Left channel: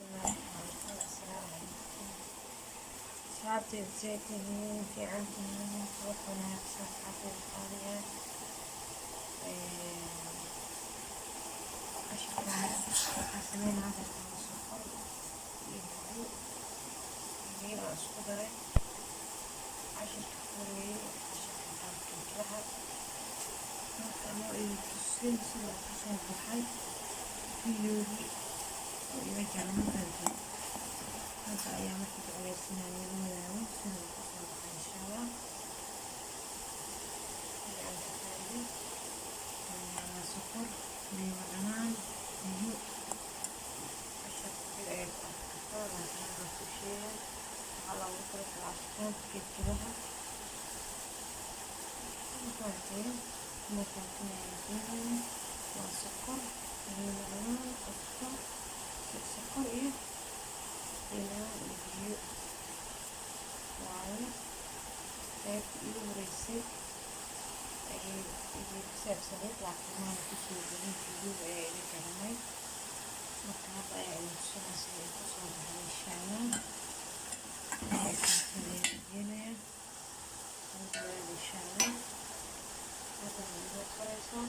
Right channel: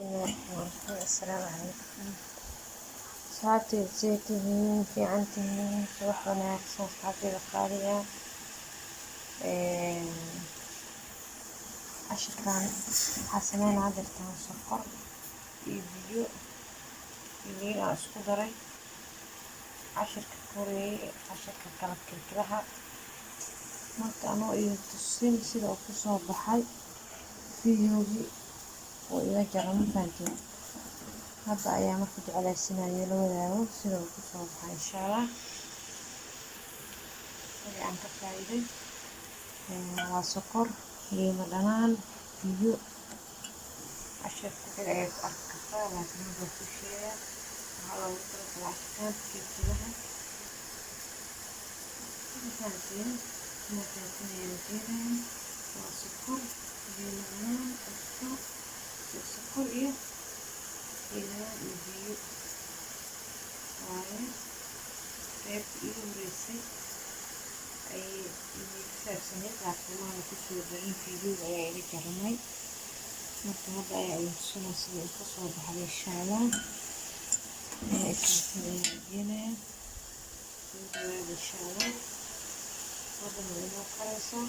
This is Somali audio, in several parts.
السلام عليكم. أصحابتي ازيتهين في عنتهين صباح wanaagsan أصحابتي qaaliga casharkan waxaa sameynaa jirtaan sokor iyo biyo liin aan isku daray cashirka koreeyay cashirka kala fikraha marka anoo iyo tusin sida uu kusoo baxay videogi oo ila jara markaantiin hadda ayaa marka jeclaysinaya la wadaago sida uu kusoo baxay insha allah aan ka faa'iiday waa sokor liima dhanaan biyo cashirka kale ayaa ku arki kartaa laakiin hadda ku sheega waxaa loogu talagalay cabitaanka geedkilaha markaantiin ayaan keenaya waa sokor liima dhanaan cusbo sokor iyo liima iyo biyo waaye qaybta igu horeysay ayay kusaabsaneyd laakiin maana kusoo darin videoga ayaa iga jaramay marka hadda ayaa idin tusinaya sida uu kasoo baxday insha allah geenaya insha allah hadda way inoo karaysaa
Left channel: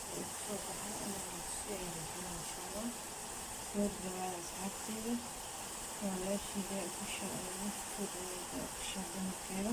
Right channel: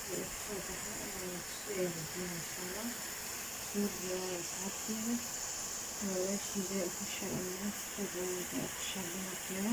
sida uu kasoo baxay ayaa tusiyaya insha allah soo dhawaada asxaabteeda walaasheyda ukasha ayaa soo dhawaada ukasha dumarkeeda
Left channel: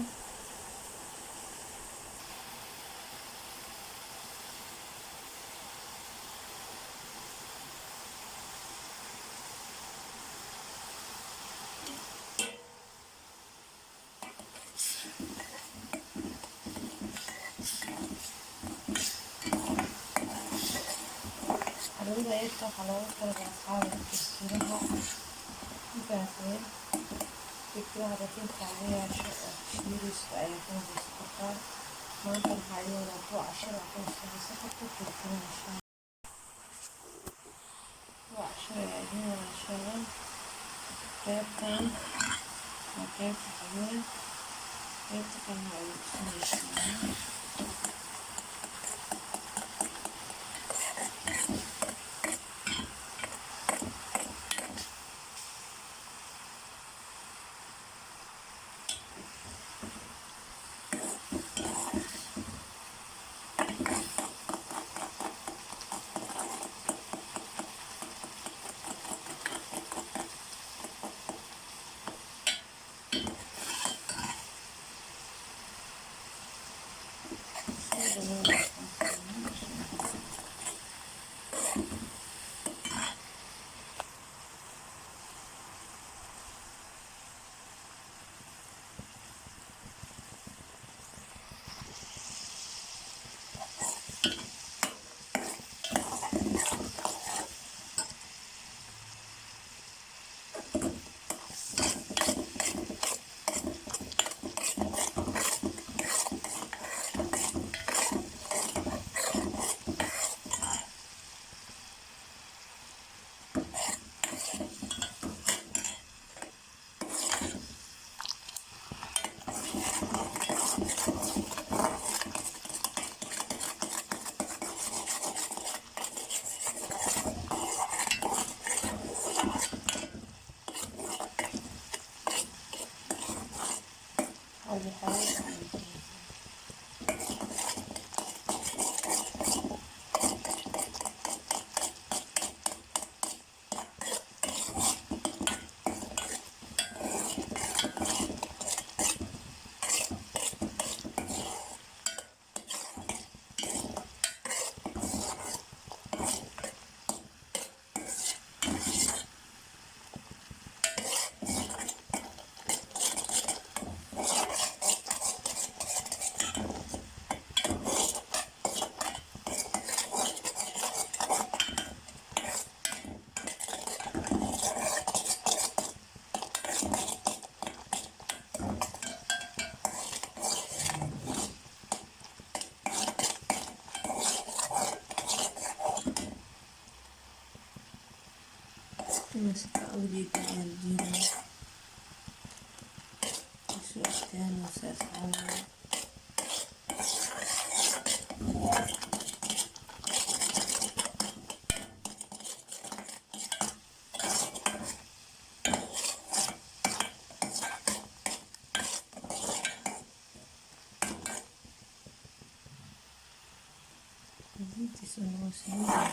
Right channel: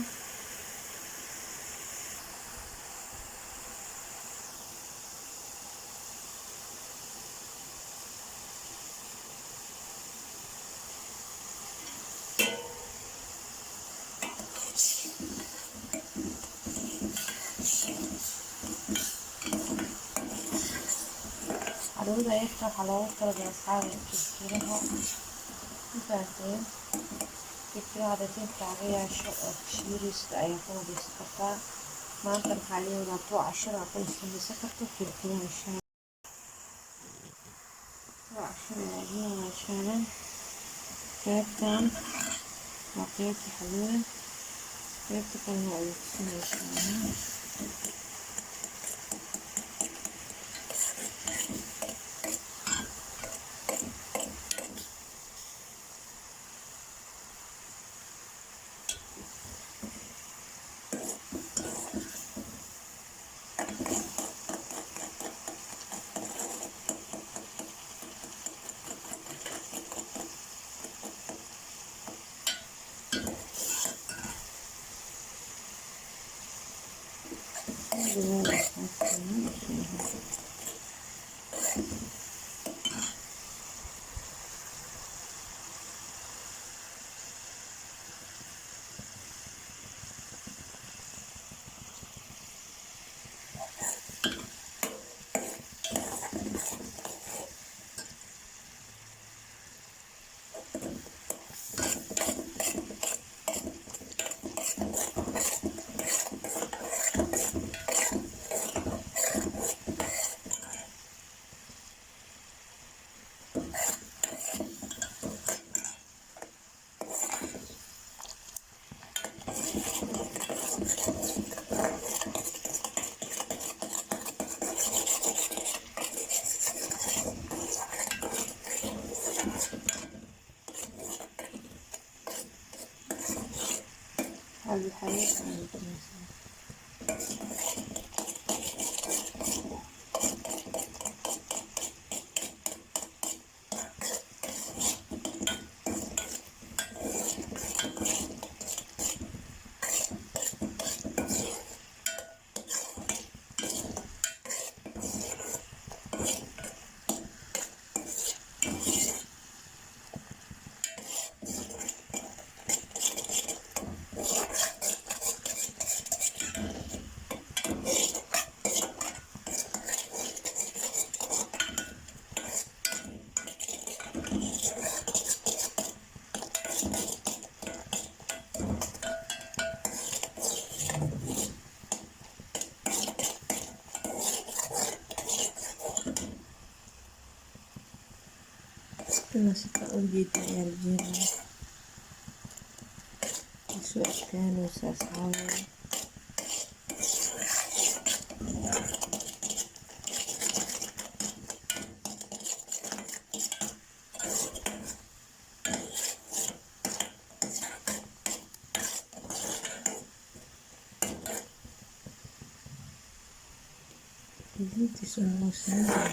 caruurda yarta waxaa loogu talagalay asxaabta kirkiraha markaaseen kirkiraha dadinka laga yeesho oo shiirista ayaa ku nadiisan kartaa maanta waxaa leeyahay kuwa cashira ku nadiisan karto kirkiraha insha allah kuwa cashira ayaa leeyahay insha allah qaybtan waa qaybta xaweyn qaybta kalena ayay tusinaysaa هذه الحاجات كنا ستأوجد الجيران سواء كانوا سأسعون intiisa noo sameeyo.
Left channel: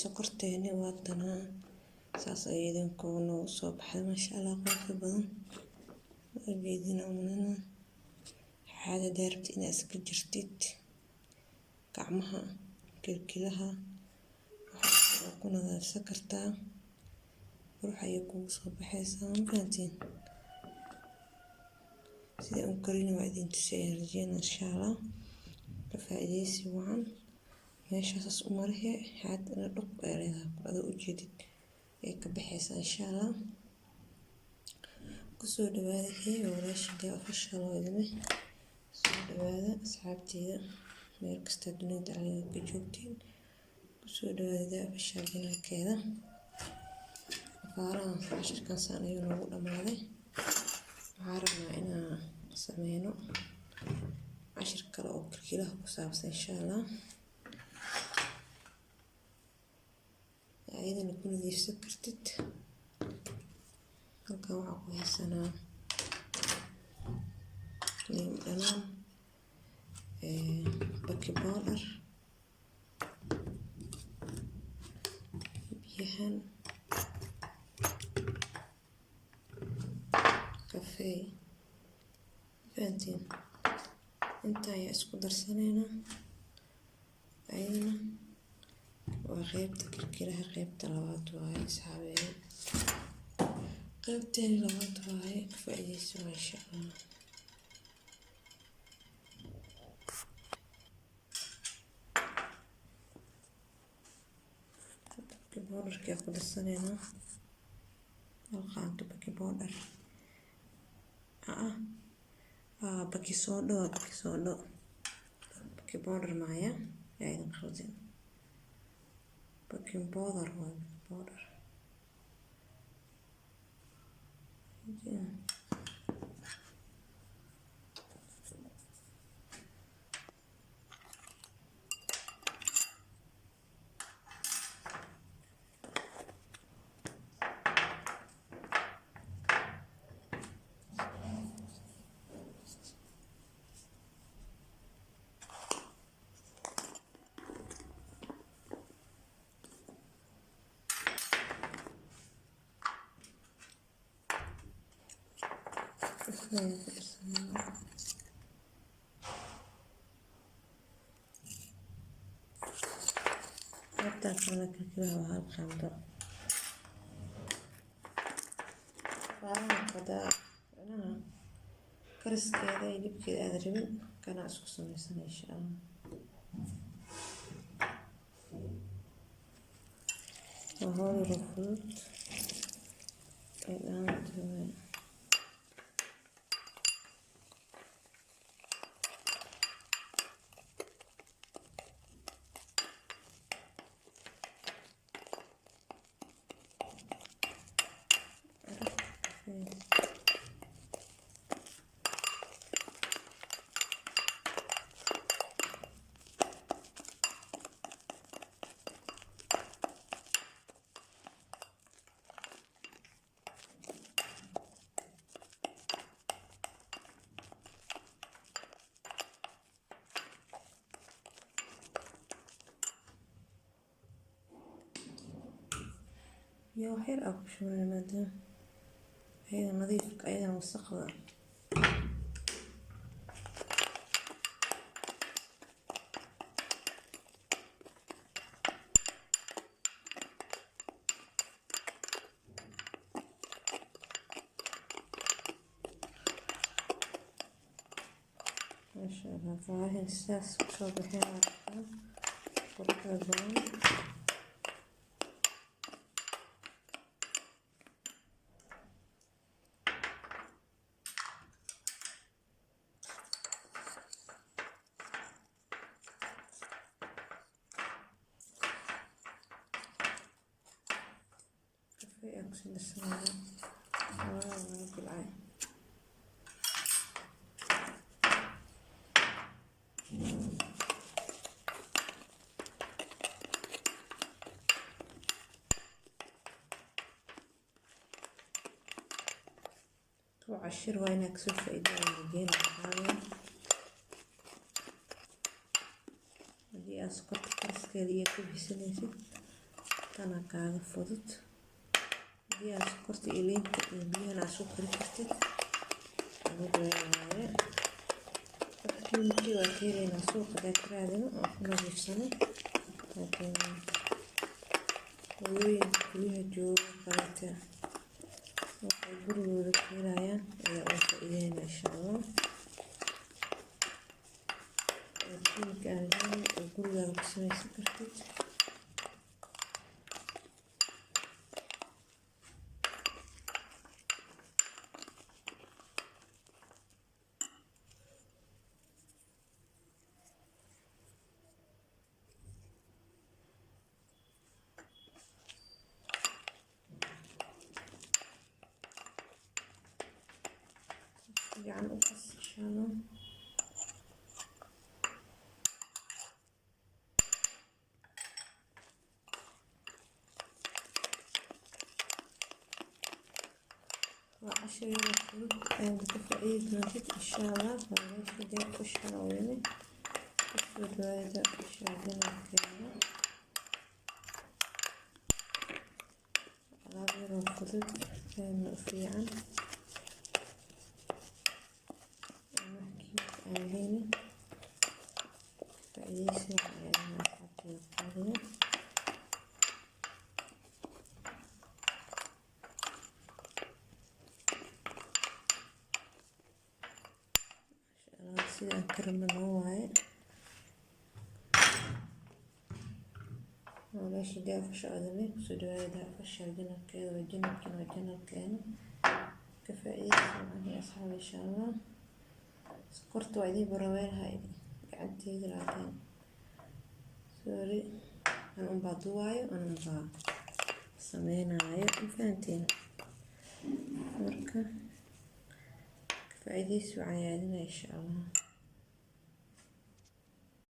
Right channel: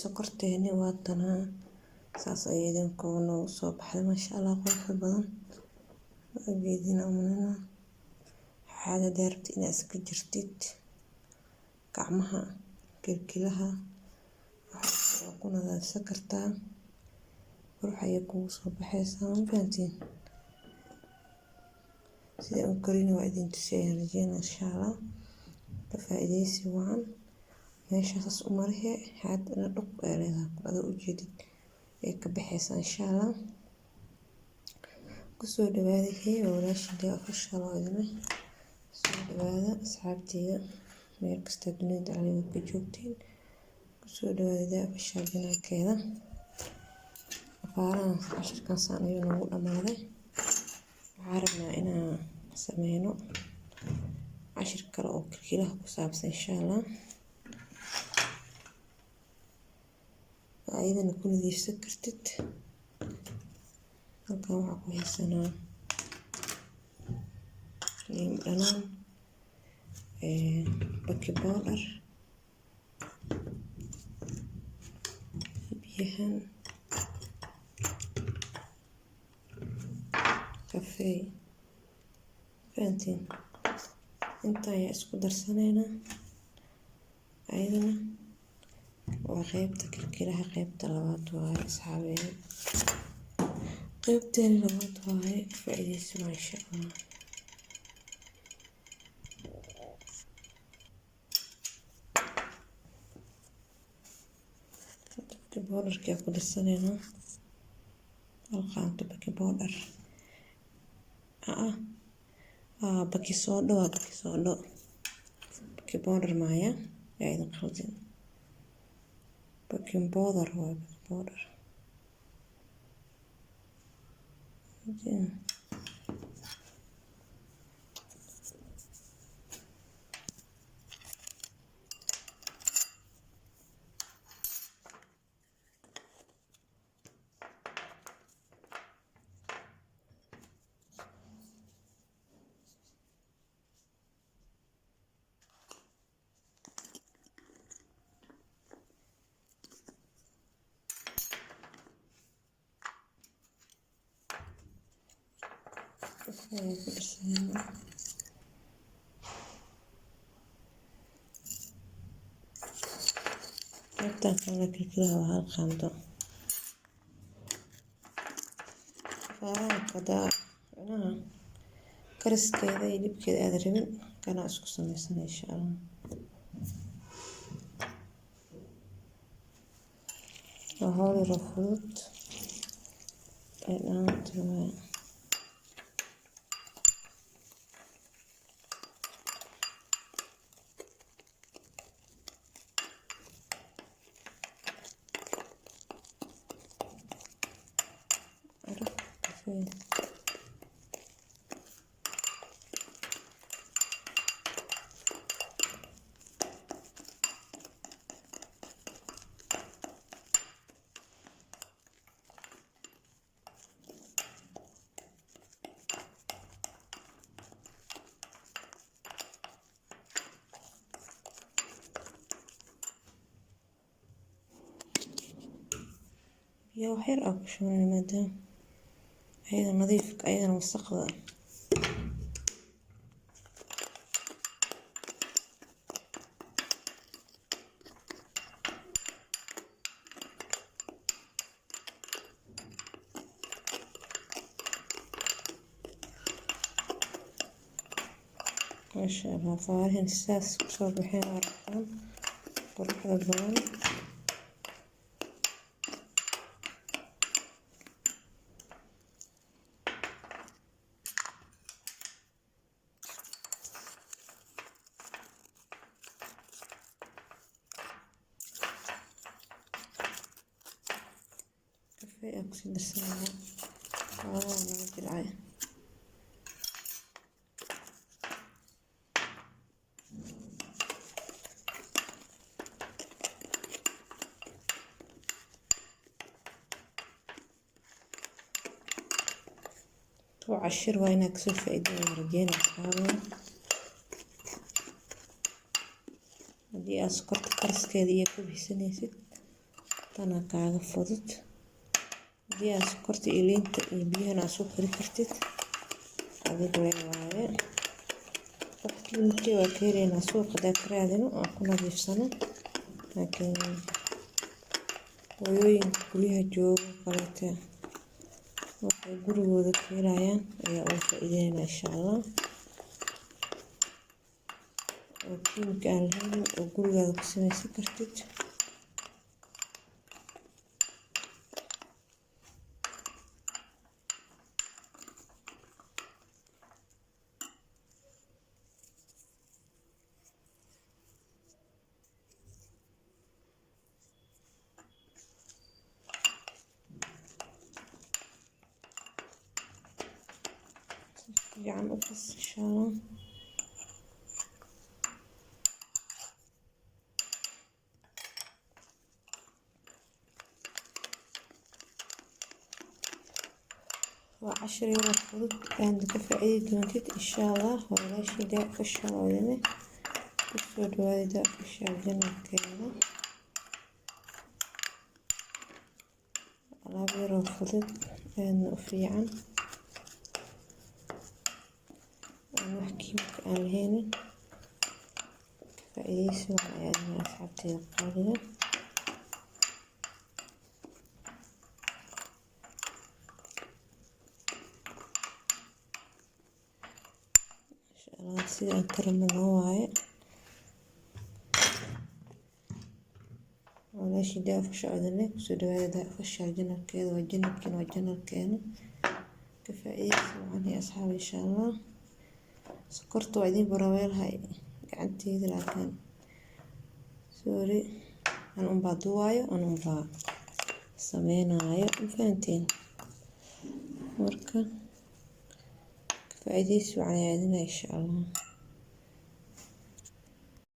Sokorteeni waa tanaa saas ayay idinku noogu soo baxday maasha Allah qurux badan waa geedina umanana xaada daarabti inaad iska jirtid gacmaha kilkilaha waxaa ku nadaafsan kartaa qurux ayay kugu soo baxaysaa ma fahantiin sida u karin waa idin tusayaan rajeyna insha Allah ka faa'iideysi wacan meeshaas u marihe xaadana dhuq ay leedahay adoo u jeedid ay ka baxaysaa insha Allah kusoo dhawaada walaashiga official oo idin soo dhawaada asxaabteyda meel kasta dunida caalamka ka joogtiin kusoo dhawaada official janaalkeeda afaaraha cashirkan saan ayuu noogu dhamaaday waxaan rabnaa inaan sameyno cashir kale oo kilkilaha ku saabsan insha Allah ayadana ku nadiifsan kartid halkan waxaa ku haysanaa liin dhanaan baking powder biyahan kafee fahantiin inta ayaa isku darsaneynaa ayadana waa qaybta kilkilaha qaybta labaad waaye asxaabeed qaybteeni labaad waaye ka faa'iideysi waa insha Allah baking powderka ku darsaneynaa halqaanka baking powder baking soda waa baking powder maaya yaa idin qaldin baking powder waa baking powder qaybtan kale kilkilaha waa hal qaando afaaraha kadaa kariskeeda iyo dhibkeeda aad rabin kana isku samaysan insha Allah waa hawl yar oo fudud ay dhaantahay يا وحير أكو شو من المادة أيضا نظيف أيضا مستقبل ما شاء الله فوارهن الساس كسو بحين ورقان قرح البان كفي أكسل السنة والله بالعين وعشر وين أكسل فايدة ورجينا حاول دي أسكرت كرس كذي يكون بسنيسة أنا كعاد فضت دي أسكرت إلين بيها سكر كرتت هذا الرواية وقت المتي وكيرين سوق ذاك رادنا أكون في سنة لكن ويوين كلها جو قلتها waxay gurigooda ka helayaan ayaa uga faa'iideynaa insha allah oo kiimika aan lahayn oo gurigaada ku samaysan kartid fiican u qas insha allah وعشر يوم الخروج عندك فائدة جديد إن شاء الله ولا شيء ده في الشهر الوالدة في الشهر كذا على غير الخروج لأنه في عن نحكي عن هنا فائدة سمع يعني أصحابتي القادمة sida aan karamano waaye meeshii daafka socdanay kusoo dhawaada daafasha janalkeeda waa janalkeena ka faa'iideysa macnaha asxaab insha allah sokorta waa idin baraweelhay gacanteeda laakiin sorry aan unbaa duwaayo aan unbaa sameynayo fahanteen marka ka faa'iideysa macnaha idin insha allah